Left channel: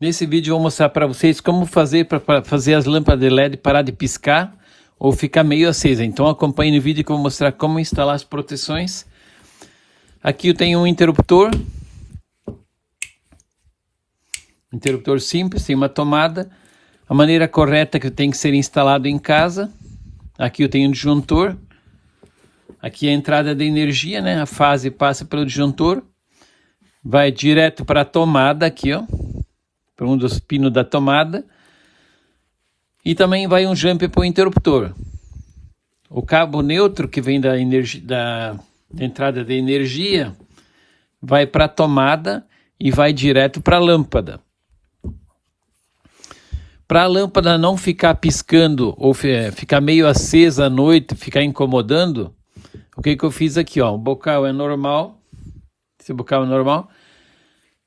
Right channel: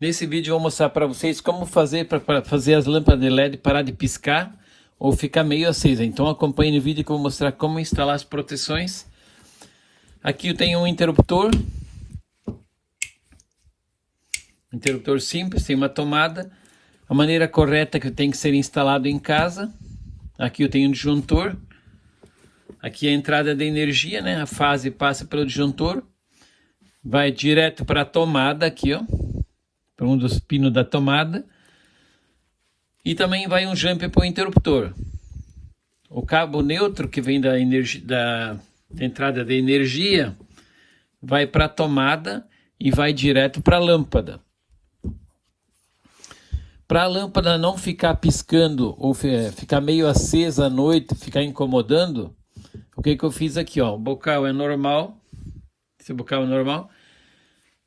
Nesse vídeo eu vou mostrar para vocês como fazer para fazer as lâmpadas de LED parar de piscar ou ficar meio acesa. Então acompanhe no vídeo que eu vou mostrar como instalar as proteções. Aqui eu tenho um interruptor simples, tem uma tomada. A maneira correta que tem que ser instalado em casa. Aqui eu tenho um disjuntor. Aqui é a entrada de energia, né? A fase passa pelo disjuntor. Vai direto para a tomada aqui, ó. Para um dos pinos da tomada. E também vai um jumper para o interruptor. O cabo neutro que vem da entrada de energia vai para a tomada e vai direto para a lâmpada. Para a lâmpada não ficar piscando ou ficar meio acesa à noite, ficar incomodando, o que eu fiz aqui, ó, o bocal é normal, esse bocal é normal.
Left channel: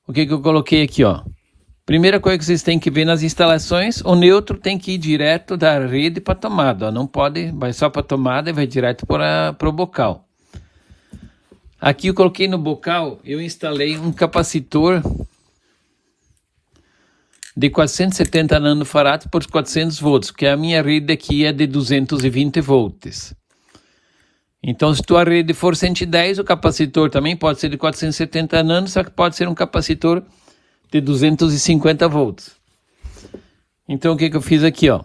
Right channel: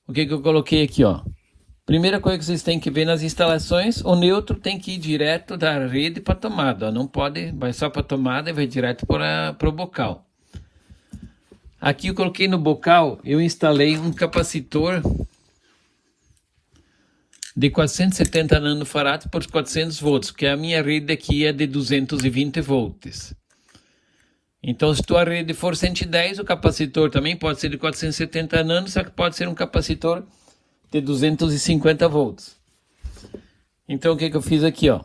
O que eu coloquei aqui, ó? Primeira coisa que vocês têm que ver nas instalações, o neutro tem que ir direto da rede para a tomada, ó, não pode, vai só para a tomada e vai direto para o bocal. Aqui eu coloquei no bocal, eu instalei um capacitor de 470 nanofarads por 400 volts, porque a minha rede aqui é de 220 volts. Então, se tua rede for 110, o capacitor também pode ser de 470 nanos, só que pode ser um capacitor de 250 volts. Então, o que eu fiz aqui, ó?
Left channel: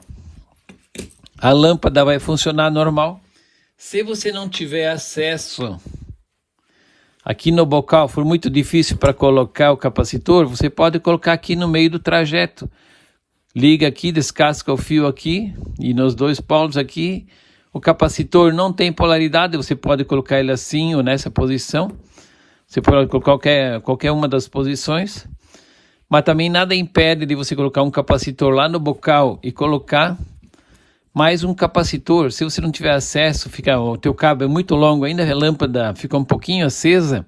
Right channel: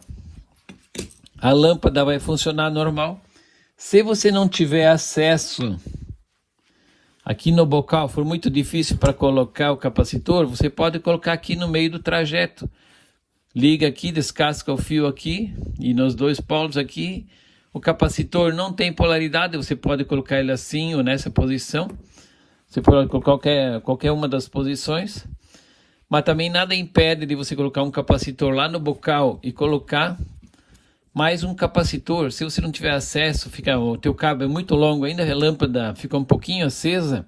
A lâmpada vai funcionar normal. Se você não tiver acesso aqui no bocal, for muito difícil para colocar o capacitor, você pode colocar aqui no meio do trajeto. Liga aqui, descasca o fio aqui e nos dois polos aqui. O capacitor não tem polaridade, você pode colocar ele assim ou nessa posição. Você pode colocar qualquer uma das posições. Mas também nada impede de você colocar um capacitor lá no bocal e colocar mais um capacitor. Se você não tiver acesso, o teu cabo é muito longo, ainda a lâmpada fica um pouquinho acesa,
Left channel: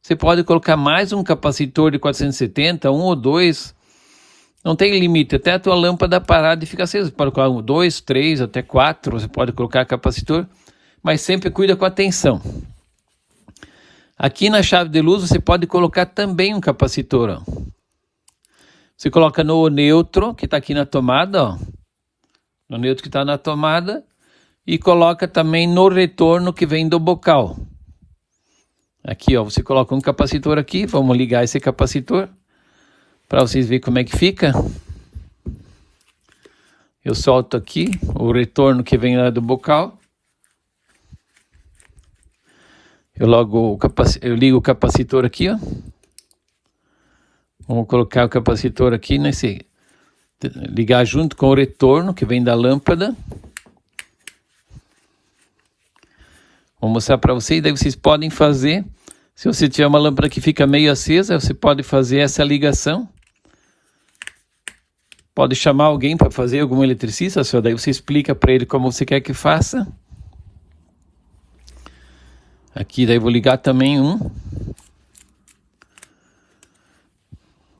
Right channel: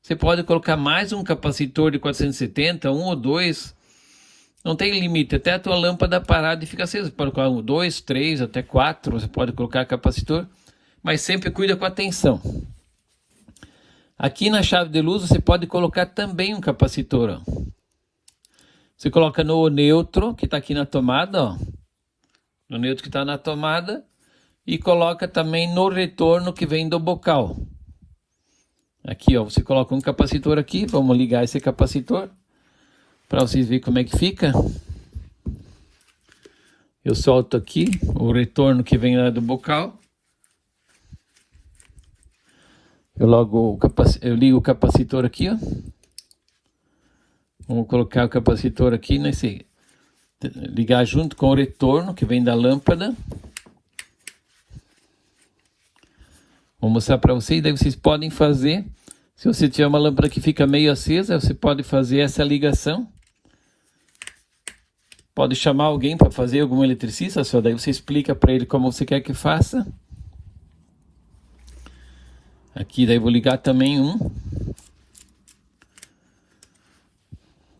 você pode colocar mais um capacitor de 470, um ou dois, não tem limite, até a tua lâmpada parar de ficar acesa. Você pode colocar 2, 3, até 4, você pode colocar capacitor, mas sempre cuida com a tensão. Aqui na chave de luz você pode colocar também um capacitor, ó. Você coloca no neutro, que está aqui na tomada, ó. No neutro que está na tomada, e coloca também no retorno que vem do bocal. Aqui, ó, você coloca um capacitor aqui, vamos ligar esse capacitor, para vocês verem como é que fica. Eu solto aqui o retorno que vem lá do bocal. Eu ligo o capacitor aqui, ó. Vamos colocar o capacitor aqui nesse... ligar junto com o retorno que vem da lâmpada. Vou mostrar para vocês, daí vocês podem fazer. Se você tiver uma lâmpada que fica meio acesa, você pode fazer essa ligação. Pode chamar alguém para fazer, algum eletricista, só daí você explica para ele como você quer que faça. Aqui daí vou ligar também um.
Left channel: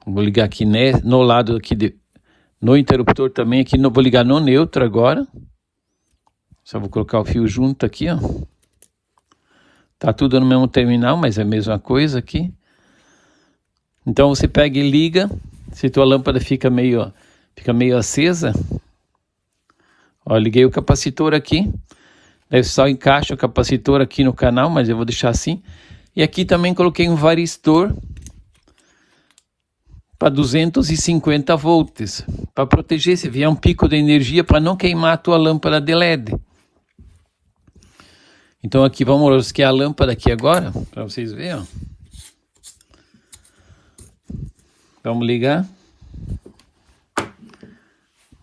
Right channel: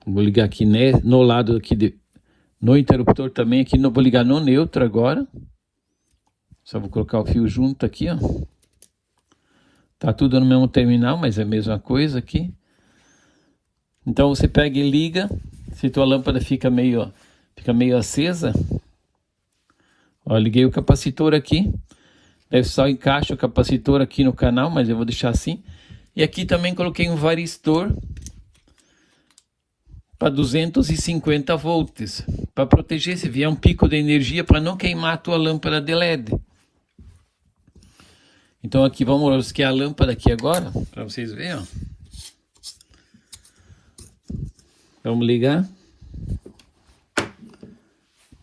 Vou ligar aqui no lado aqui no interruptor também, aqui vou ligar no neutro agora. Só vou colocar o fio junto aqui, ó. Tá tudo no mesmo terminal, mas é a mesma coisa aqui. Então você pega e liga. Se tua lâmpada fica meio acesa. Ó, liguei o capacitor aqui. Daí só encaixa o capacitor aqui no canal, mas eu vou deixar assim. E aqui também coloquei um varistor para 250 volts, para proteger se vier um pico de energia, para não queimar a tua lâmpada de LED. Então aqui vamos rosquear a lâmpada aqui agora, para vocês verem, ó. Vamos ligar.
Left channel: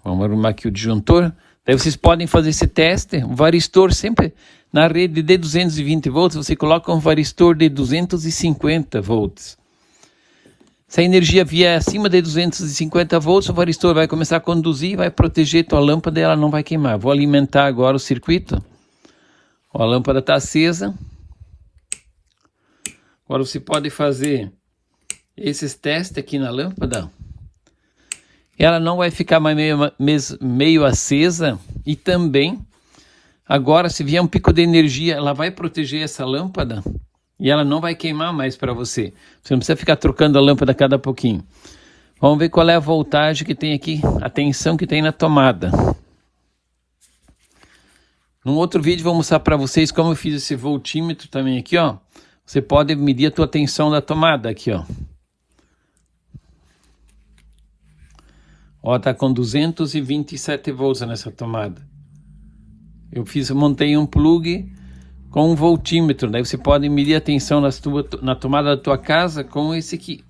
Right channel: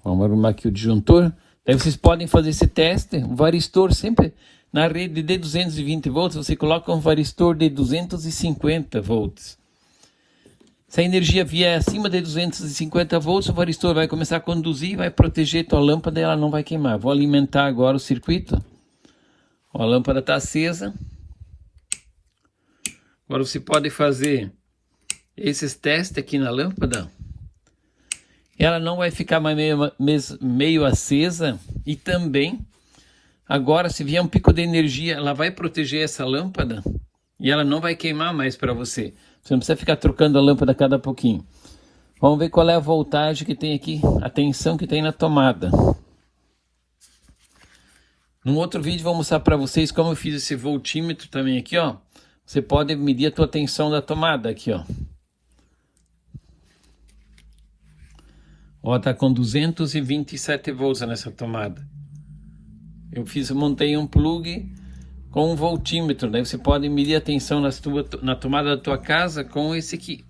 Vamos arrumar aqui o disjuntor. Daí vocês podem fazer esse teste. O varistor sempre na rede de 220 volts, você coloca um varistor de 250 volts. Se a energia vier acima de 250 volts, o varistor vai começar a conduzir, vai proteger tua lâmpada e ela não vai queimar. Vou alimentar agora o circuito. Ó, a lâmpada está acesa. Agora você pode fazer esses testes aqui na lâmpada. Ela não vai ficar mais meio acesa. E também, agora se vier um pico de energia, ela vai proteger essa lâmpada. E ela não vai queimar mais para você. Você não precisa ficar trocando a lâmpada a cada pouquinho. Vamos ver qual é a voltagem que tem aqui, a tensão que tem na tomada. Num outro vídeo vou mostrar para vocês como eu fiz esse voltímetro também aqui, ó. Você pode medir a tua tensão da tomada aqui, ó. Ó, tá com 227 volts nessa tomada. Eu montei um plug com um voltímetro, daí você pode medir a tensão na tomada da tua casa com esse aqui.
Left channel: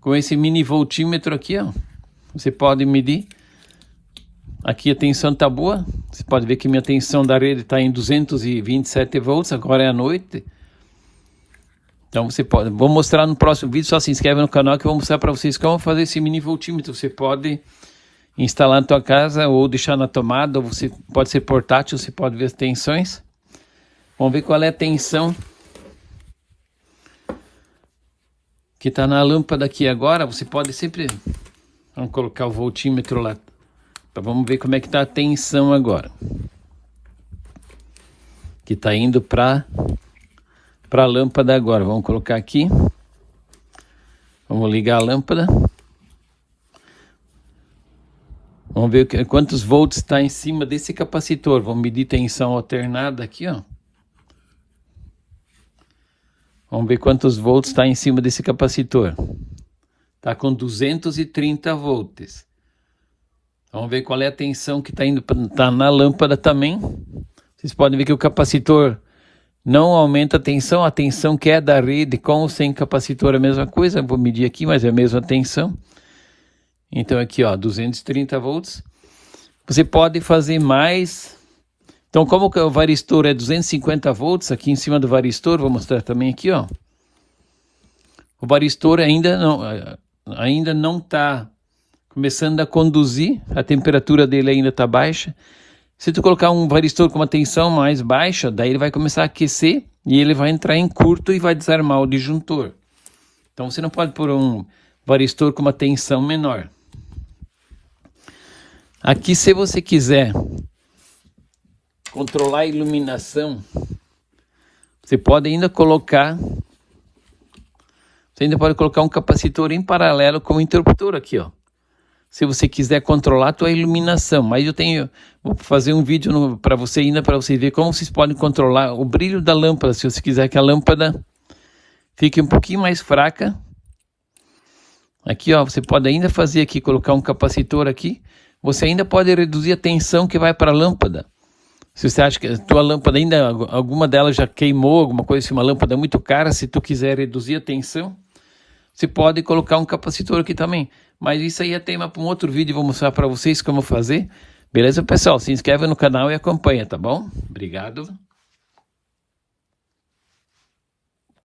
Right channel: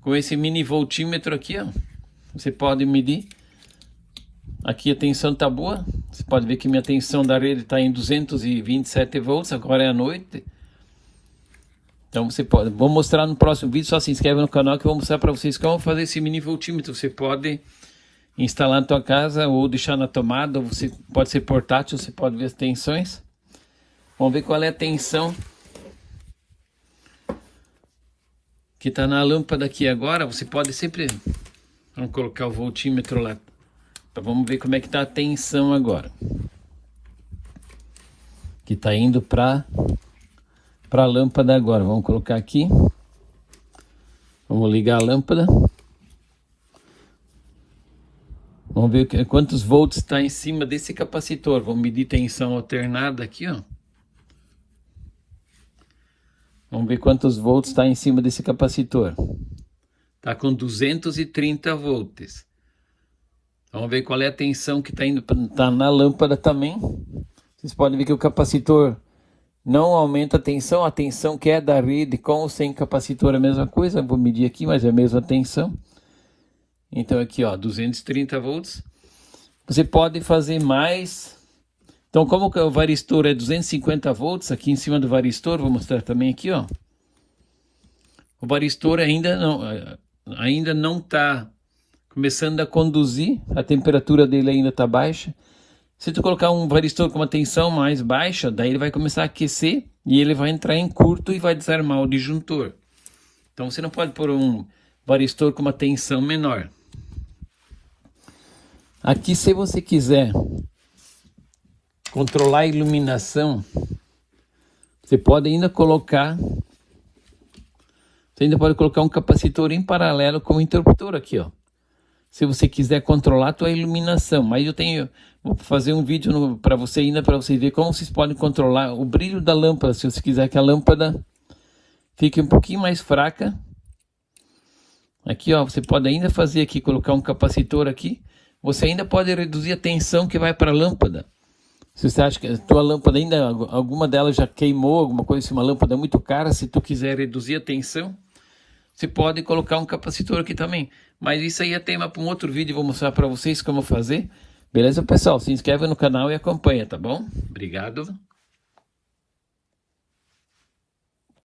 Com esse mini voltímetro aqui, ó. Você pode medir. Aqui a tensão tá boa. Você pode ver que minha tensão da rede está em 227 volts, agora é à noite. Então você pode, vou mostrar no próximo vídeo, só se inscreve no canal que eu vou mostrar para vocês como fazer esse mini voltímetro. Você pode instalar na tua casa ou deixar na tomada, ou você pode ser portátil, você pode ver as tensões. Vamos ver qual é a tensão que está na lâmpada aqui agora. Você pode sempre, vamos colocar o voltímetro lá. Vamos ver como é que está a tensão agora. Que está indo para a lâmpada agora. Vamos colocar aqui. Vamos ligar a lâmpada. Vamos ver quantos volts está em cima desse capacitor. Vamos medir tensão alternada aqui, ó. Vamos ver quantos volts está em cima desse capacitor. Está com 230 volts. Vamos ver qual é a tensão que está indo tá na lâmpada também. Vocês podem ver que o capacitor não aumenta a tensão que é da rede com ou sem capacitor é a mesma coisa. Vou medir aqui, mas é a mesma tensão. Então aqui, ó, 230 volts. Você pode fazer mais. Então, como o varistor é 250 volts, aqui em cima do varistor, vou mostrar também aqui, ó. O varistor ainda não está começando a conduzir, a temperatura dele ainda está baixa. Se tu colocar um varistor com uma tensão mais baixa, daí ele vai começar a aquecer e ele vai entrar em curto e vai desarmar o disjuntor. Então você não pode pôr um varistor com uma tensão menor. Aqui, se você quiser controlar a iluminação, você pode ainda colocar um capacitor em paralelo com o interruptor aqui, ó. Se você quiser controlar a tua iluminação, mas vou fazer um vídeo para você ainda, para você ver como vocês podem controlar o brilho da lâmpada, se você quiser que a lâmpada fique um pouquinho mais fraca. Aqui, ó, você pode ainda fazer aqui, colocar um capacitor aqui, você ainda pode reduzir a tensão que vai para a lâmpada. Se você acha que a tua lâmpada ainda, alguma delas já queimou, alguma coisa assim, uma lâmpada muito cara, se tu quiser reduzir a tensão, você pode colocar um capacitor aqui também. Mas isso aí é tema para um outro vídeo, vou mostrar para vocês como fazer. Beleza, pessoal? Se inscreve no canal e acompanha, tá bom? Obrigado.